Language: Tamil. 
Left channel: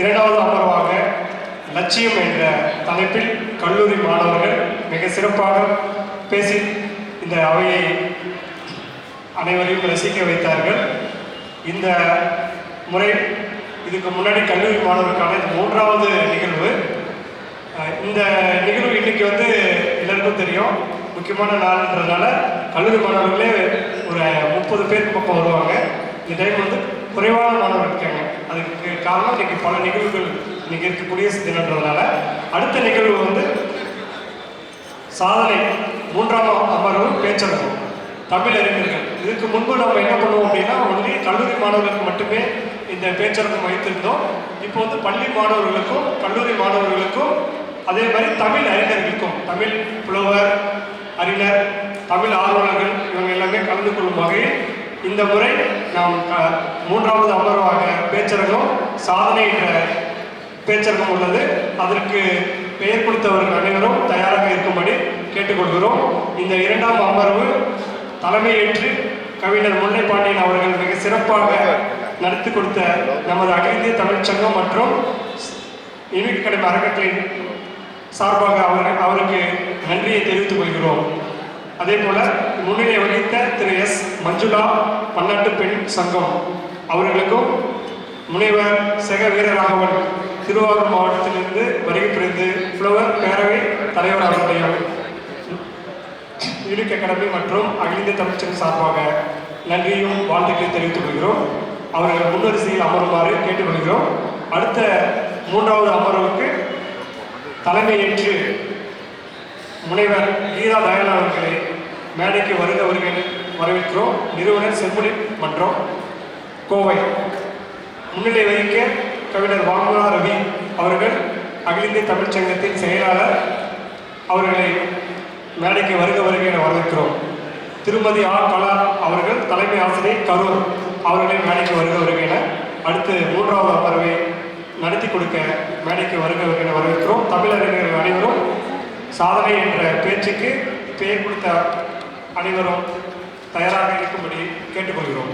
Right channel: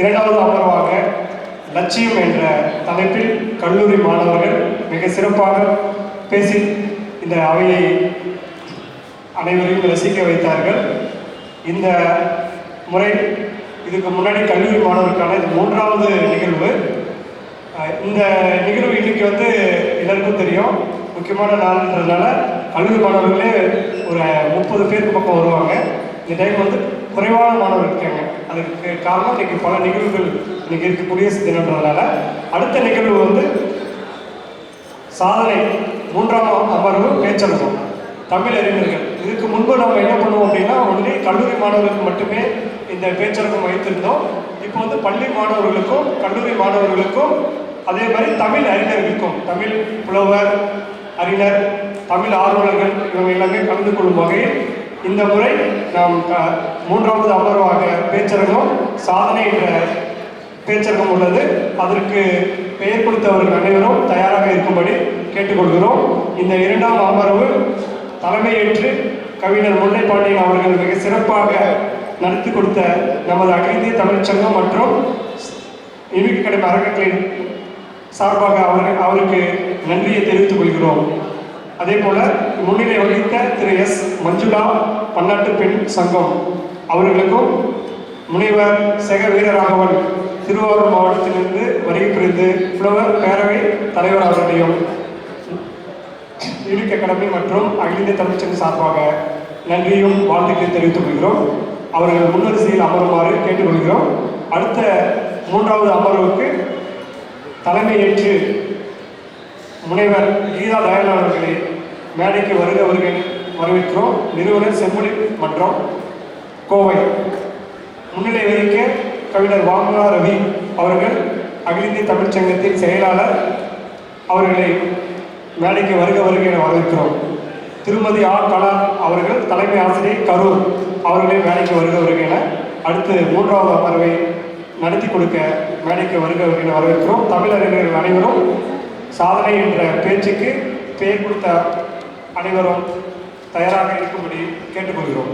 இரண்டாவது அமர்வாக லட்சியம் என்ற தலைப்பில் கல்லூரி மாணவர்கள் மிக சிறப்பாக பேசி இந்த அவையை அனைவரையும் ரசிக்க வைத்தார்கள். இந்த முறை இதுக்கு முன்னாடி கல்லூரி மாணவருக்கான இது மூன்றாவது நிகழ்வு. இந்த நிகழ்வு இன்னைக்கு வந்து எல்லாருக்கும் தெரியும். முக்கியமான நாள்ன்றதுனால கல்லூரி மாணவர்களே ஒரு முப்பது பேருக்கு பக்கம் வருவாங்க. இந்த டைம் வந்து குறைவான மாணவர்கள் அதுக்கு காரணம் இன்னைக்கு பல நிகழ்வுகள் இன்னைக்கு இருக்கக்கூடிய குடியரசு தினன்றதுனால அடுத்த நிகழ்வு வந்து சாதனை மூன்றாம் அமர்வு பேச்சரங்கம். தமிழ் அறிஞர்கள். இதுக்கு முன்பு நம்ம என்ன பண்ணுவோம் அப்படின்னா ஒன்லி கல்லூரி மாணவர்களுக்கு மட்டுமே இந்த பேச்சரங்கம் வைத்திருந்தோம். இப்போ வந்து பள்ளி மாணவர்களுக்கும் கல்லூரி மாணவர்களுக்கும் அதே மாதிரி தமிழ் அறிஞர்களுக்கும் தமிழ் புலவர் அறிஞர் தமிழ் ஆர்வலர்கள் இவங்க எல்லாமே கலந்து கொள்ளும் வகையில் இந்த முறை நாம் மூன்றாவது அமர்வாக பேச்சரங்கம் சாதனை என்ற பேச்சரங்கம் உள்ளது. அதற்கு பெயர் கொடுத்தவர்கள் அனைவரும் தயாராக இருக்கும்படி கேட்டுக்கொள்கிறோம். இந்த இரண்டாம் அமர்வு தலைமையேற்று கவிஞர் முல்லை பாண்டியன் அவர்கள் மிக சிறப்பாக நடத்தி கொடுத்த நமது அகிந்திய தமிழ்ச்சங்கம் மற்றும் இனிக்கு கடமை அறக்கட்டளையின் சார்பாக அவர்கள் அவருக்கு நன்றியை தெரிவித்துக் கொள்கிறோம். அதே போல முன்னிலை வகித்த திரு எஸ். மஞ்சுளா பன்னாட்டு பெண் சங்கம் அவர்களுக்கும் முனைவர் செக வீரராகவன் திருவாரூர் மாவட்டத்திலிருந்து வருகை புரிந்து புலவர் பேரவை தலைவர் அவர்களையும் யூனிக் அகாடமி மற்றும் அகில இந்திய தமிழ்ச்சங்க சார்பாக நன்றியும் வாழ்த்துக்களை தெரிவித்துக் கொள்கிறோம். அவர்கள் முன்வரிசையில் அமருமாறு கேட்டுக்கொள்கிறோம். அடுத்த மூன்றாவது அமர்வுக்கு தலைமையேற்று முனைவர் கீதா தயாளன் மேடைக்கு வருக வருகை வரவேற்கிறோம். நிறுவனர் செம்மொழி மற்றும் கோவை. முன்னிலை வகிக்க கவிஞர் வாங்குலா ரவி அவர்கள் அகில இந்திய தமிழ்ச்சங்கத்தின் செயலாளர் அவர்களை மேடைக்கு வருக வருகை என வரவேற்கிறோம். திருமதி ஆர் கலா அவர்கள் தலைமை ஆசிரியர் கரூர் அவர்களை மேடைக்கு வருக வருகை என அடுத்து மூன்றாவது அமர்வை நடத்தி கொடுக்க மேடைக்கு வருக வருகை என வரவேற்கிறோம். தமிழறிஞர்கள் அனைவரும் சாதனை என்ற பேச்சுக்கு பெயர் கொடுத்த அனைவரும் தயாராக இருக்கும்படி கேட்டுக்கொள்கிறோம்.